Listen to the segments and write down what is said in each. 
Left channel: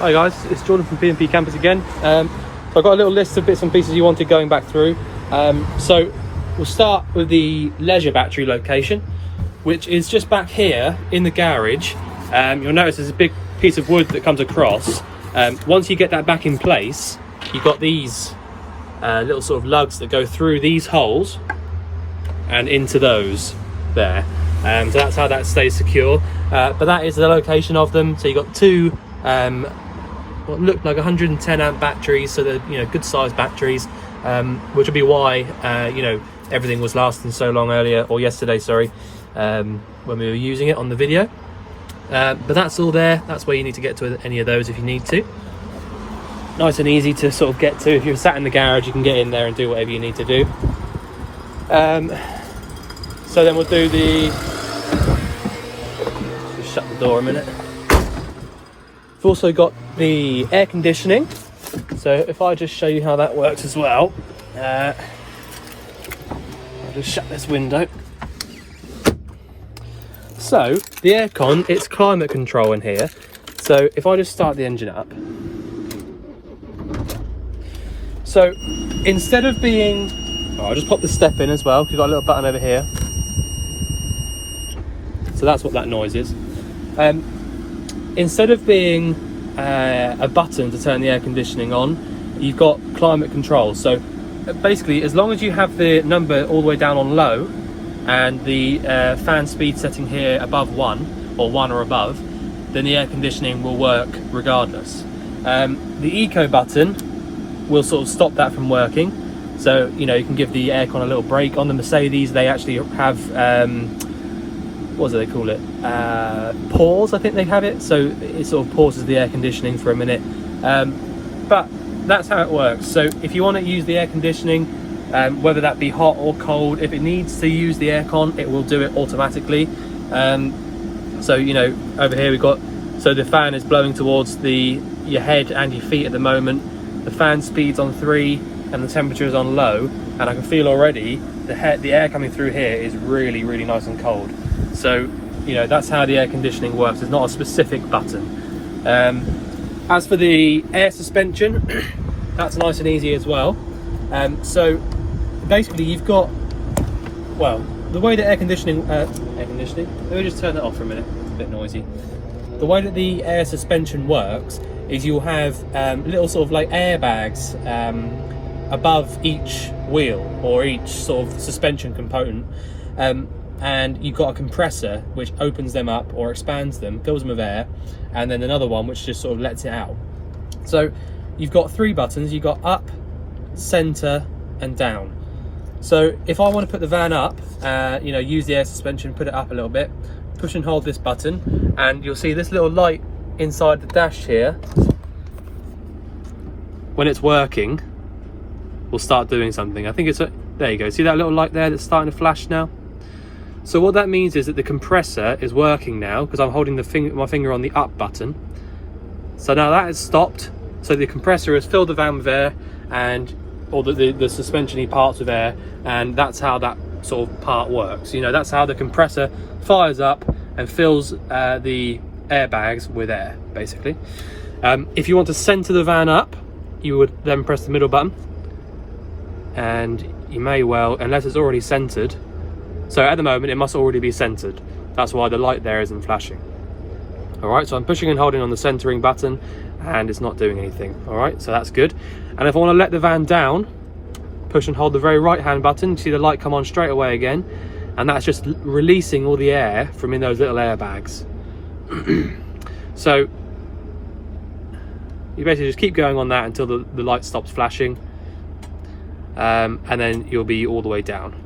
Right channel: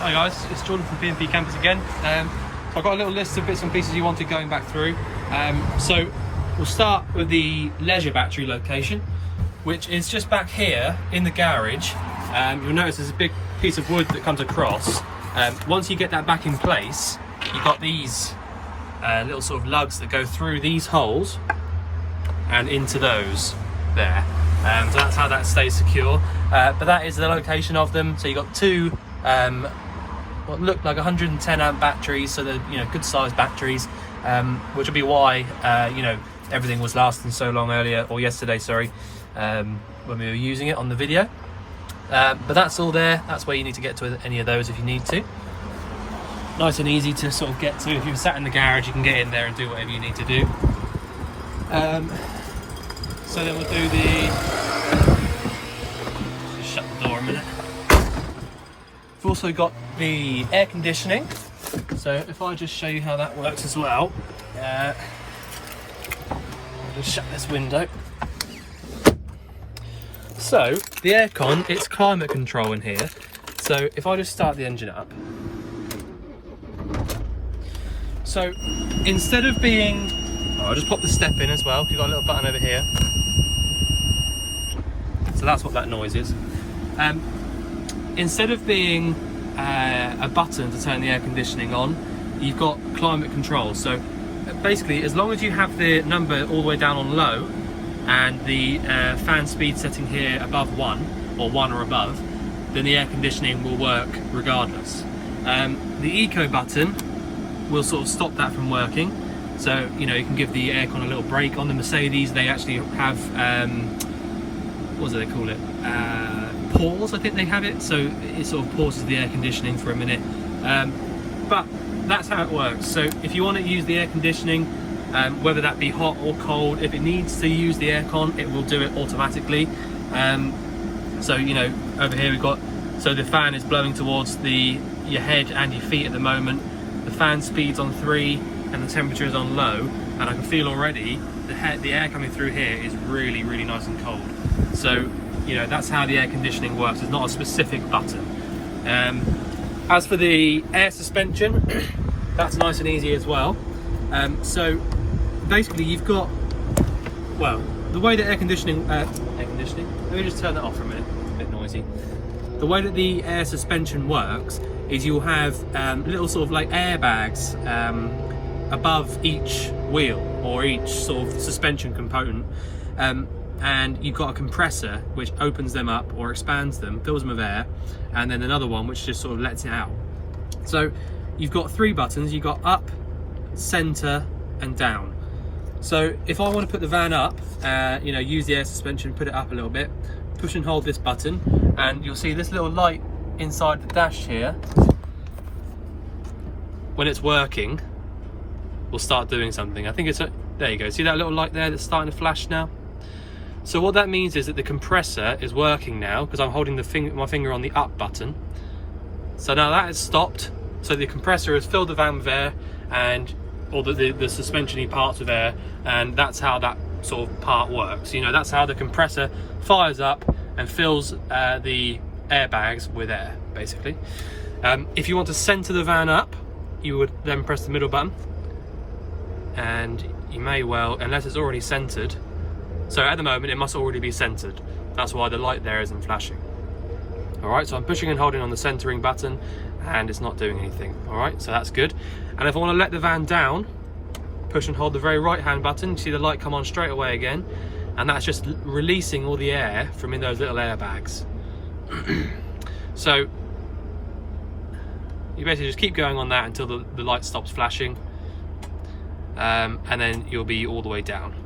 Hi guys, it's Jordan from P&P Campers again. So I've got a little list of bits and pieces you wanted going back through. So we'll start with the leisure battery location, which is just back here in the garage. You'll notice there's a big piece of wood that comes across. Once you get that back in place, you've got these little sort of lugs that go through these holes and into those there. So that's how that stays secure. But that is the location of them. So you've got two what look like 110 amp batteries, so they're good sized batteries, which will be why everything was lasting so long earlier, or yesterday, sorry, when we were using it on the video. But that's all there. That's where you need to get to any of those if you need to. Nice and easy to sort of get to. If you're sat in the garage, you can get in there and do whatever you need to do. So then we'll do just shut the door a minute. We've also got the air conditioning. So if I just show you how that works as well. I'll just shut this window. So the aircon, it's climate control in here. So if I just start the engine up. So instead of being, I'll just pop the step in as well. You've got a little button over here. So that's what that noise is. Instead of being a button to turn the air conditioning on, you've got climate control. So basically, as long as you have the number all the way down on low and the fan speed setting here above 1 or 1 or above, then the air conditioning will work regardless. The eco button will sort of stop that from working. So you can give the aircon a little break. On the Mercedes, they actually have what do they call it? Pause, I think they have it. So it sort of pauses the air conditioning for a minute. But that's how it works. So if you want to use the air conditioning, whether that be hot or cold, if it needs to use the aircon, it will do it automatically. So over here we've got, so the fan is blowing towards your head and your feet at the moment. The fan speed's on 3 and the temperature is on low, and I can feel already the air coming through here is really, really nice and cold. So that's how the air conditioning works. There's not a specific button. As for the air suspension, that's nice and easy as well. So basically you've got, well, the way the air conditioning, let me just turn that off for a minute, it's a bit noisy. The way that the air suspension works is you'll have little sort of like airbags above each wheel or each sort of suspension component, and you've got a compressor which opens them up or expands them, fills them with air, and then another one which just sort of lets it out. So you've got 3 buttons. You've got up, center and down. So if I want to put the van up, use the air suspension, put it up a little bit, push and hold this button, and you'll see this little light inside the dash here, when it's working, will start doing something. I think it's there you go. See that little light there that's starting to flash now? So what that means is that the compressor is working now, because I'm holding my finger on the up button. So now that has stopped. So the compressor has filled the van with air, and or the suspension-y parts with air, and that's how that sort of part works. That's how the compressor fires up and fills the airbags with air, basically. If you want to center the van up, you would then press the middle button, and you may well, unless it's already centered. So at the moment it must already be centered. That's why the light there isn't flashing. Alright, so I'm pushing and holding on the centering button and it's not doing anything. Alright, so that's good. And if I want to let the van down, push and hold the very right hand button, you see the light come on straight away again, and that's just releasing all the air from in those little airbags. So you basically just keep going on that until the light stops flashing, and then you'll be all the way down.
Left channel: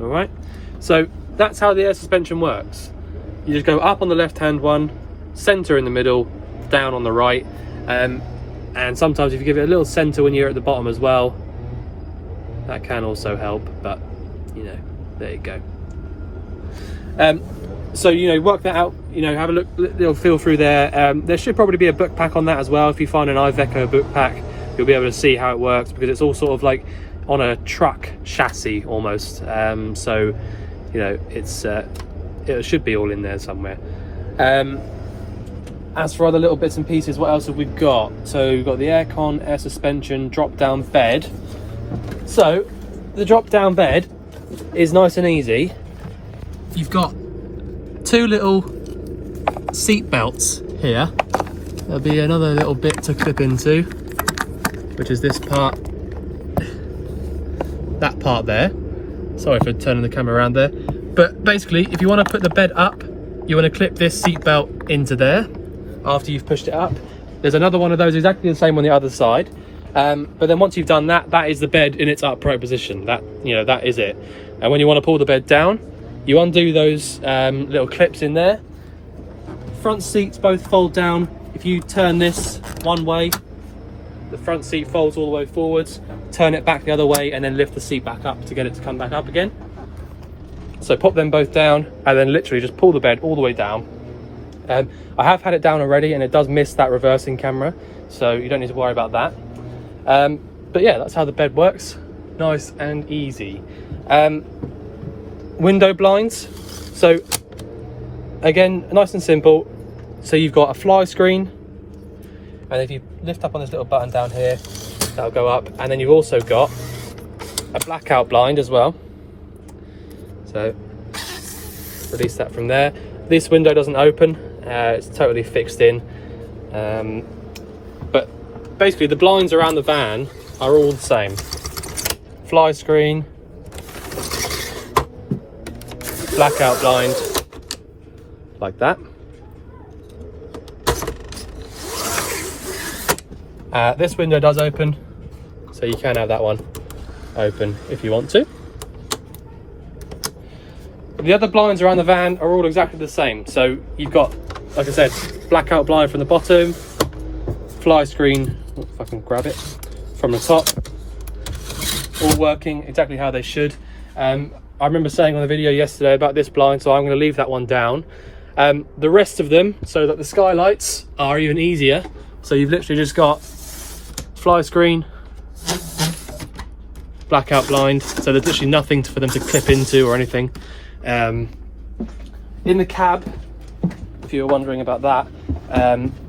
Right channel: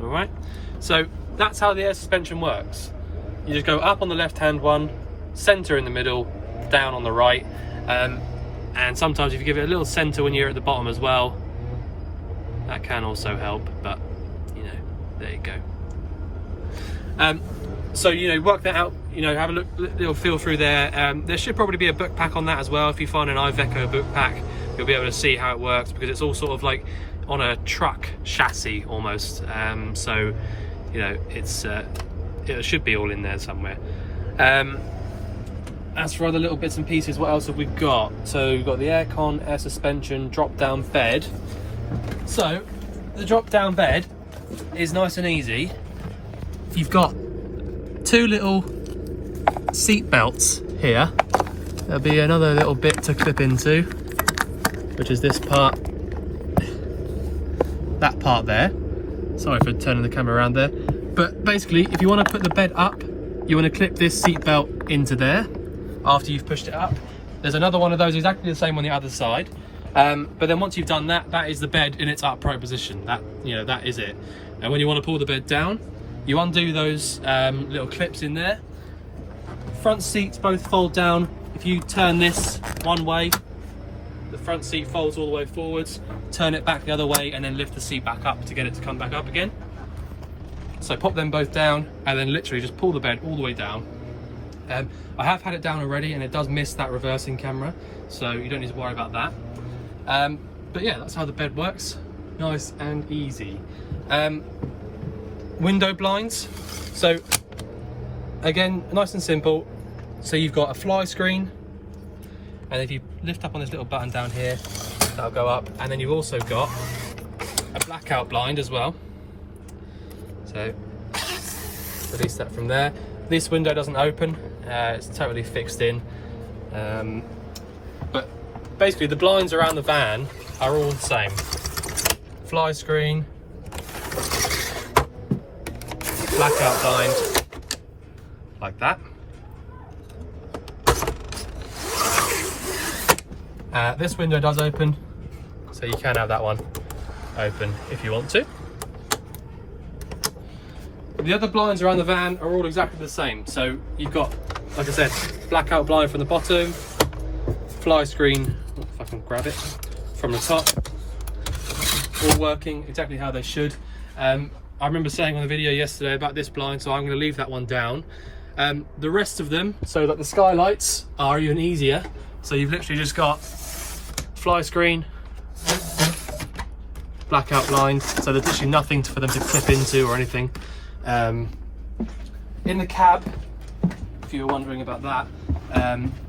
Alright, so that's how the air suspension works. You just go up on the left hand one, center in the middle, down on the right, and sometimes if you give it a little center when you're at the bottom as well, that can also help, but there you go. So work that out, have a look, little feel through there. There should probably be a book pack on that as well. If you find an Iveco book pack, you'll be able to see how it works, because it's all sort of like on a truck chassis almost. So it should be all in there somewhere. as for other little bits and pieces, what else have we got? So we've got the aircon, air suspension, drop down bed. So the drop down bed is nice and easy. You've got two little seat belts here. There'll be another little bit to clip into, which is this part, that part there. Sorry for turning the camera around there. But basically, if you want to put the bed up, you want to clip this seat belt into there after you've pushed it up. There's another one of those exactly the same on the other side. But then once you've done that, that is the bed in its upright position. That, you know, that is it. And when you want to pull the bed down, you undo those little clips in there. Front seats both fold down. If you turn this one way, the front seat folds all the way forwards, turn it back the other way, and then lift the seat back up to get it to come back up again. So pop them both down and then literally just pull the bed all the way down. I have had it down already and it does miss that reversing camera, so you don't need to worry about that. But yeah, that's how the bed works. Nice and easy. Window blinds. So again, nice and simple. So you've got a fly screen, and if you lift up on this little button down here, that'll go up. And then you've also got a blackout blind as well. So release that from there. This window doesn't open, it's totally fixed in. But basically the blinds around the van are all the same. Fly screen, blackout blind, like that. This window does open, so you can have that one open if you want to. The other blinds around the van are all exactly the same. So you've got, like I said, blackout blind from the bottom, fly screen, if I can grab it, from the top, all working exactly how they should. I remember saying on the video yesterday about this blind, so I'm going to leave that one down. The rest of them, so that the skylights are even easier. So you've literally just got fly screen, blackout blind, so there's literally nothing for them to clip into or anything. In the cab, if you were wondering about that,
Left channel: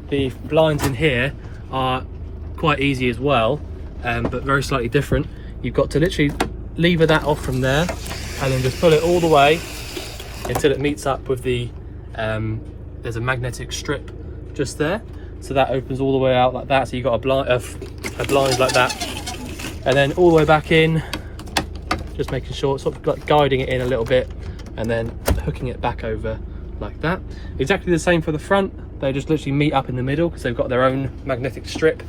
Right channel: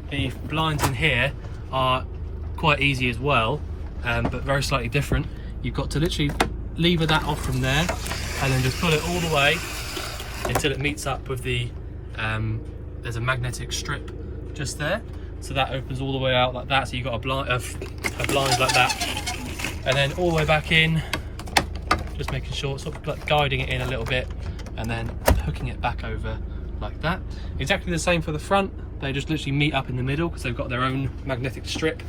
the blinds in here are quite easy as well, but very slightly different. You've got to literally lever that off from there and then just pull it all the way until it meets up with the there's a magnetic strip just there, so that opens all the way out like that. So you've got a blind like that, and then all the way back in, just making sure, sort of like guiding it in a little bit and then hooking it back over like that. Exactly the same for the front. They just literally meet up in the middle because they've got their own magnetic strip.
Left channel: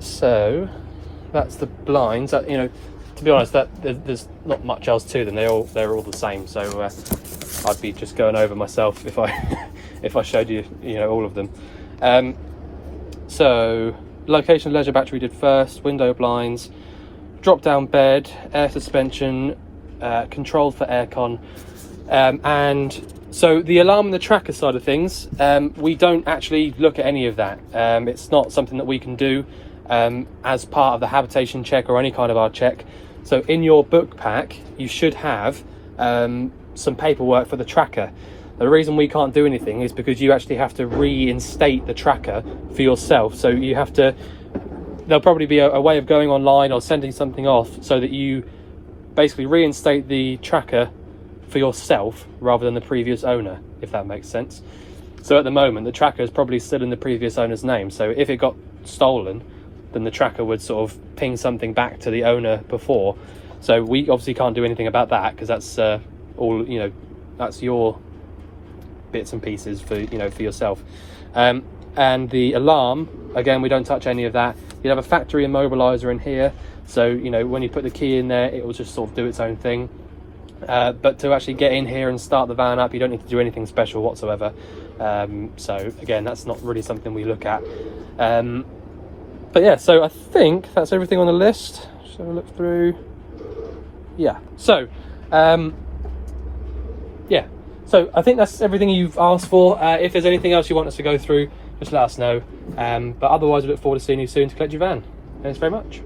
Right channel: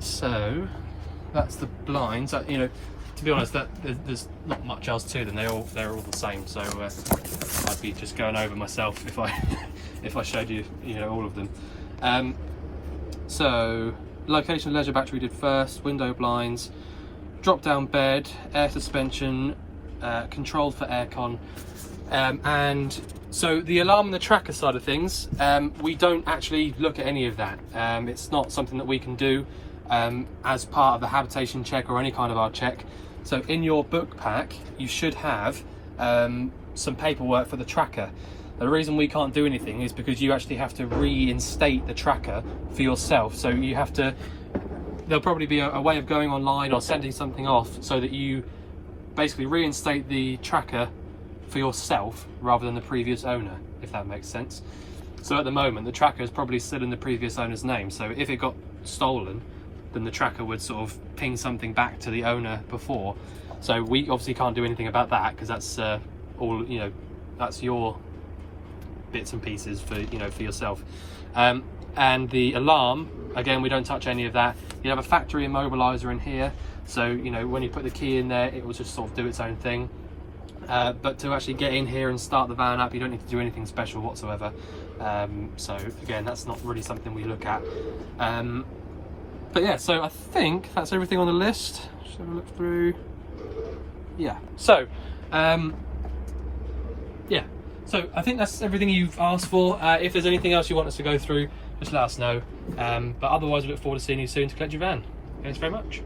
So that's the blinds. That, you know, to be honest, that there's not much else to them. They're all the same. So I'd be just going over myself if I if I showed you, you know, all of them. So location leisure battery did first, window blinds, drop down bed, air suspension, control for aircon, and so the alarm and the tracker side of things, we don't actually look at any of that. It's not something that we can do as part of the habitation check or any kind of our check. So in your book pack you should have some paperwork for the tracker. The reason we can't do anything is because you actually have to reinstate the tracker for yourself. So you have to, there'll probably be a way of going online or sending something off so that you basically reinstate the tracker for yourself rather than the previous owner, if that makes sense. So at the moment the tracker is probably still in the previous owner's name, so if it got stolen then the tracker would sort of ping something back to the owner before. So we obviously can't do anything about that because that's all, you know, that's your bits and pieces for, you know, for yourself. And the alarm, again, we don't touch any of that. You have a factory immobilizer in here, so you know when you put the key in there it will just sort of do its own thing. But to actually get in here and start the van up, you don't need to do anything special whatsoever. So again, that's not really something we look at. But yeah, so I think that's everything on the list. Shall we look through? Yeah. So yeah. So I think that's everything you've asked for. If there's anything else you want us to go through, just let us know. But otherwise, we look forward to seeing you soon to collect your van. Thanks very much.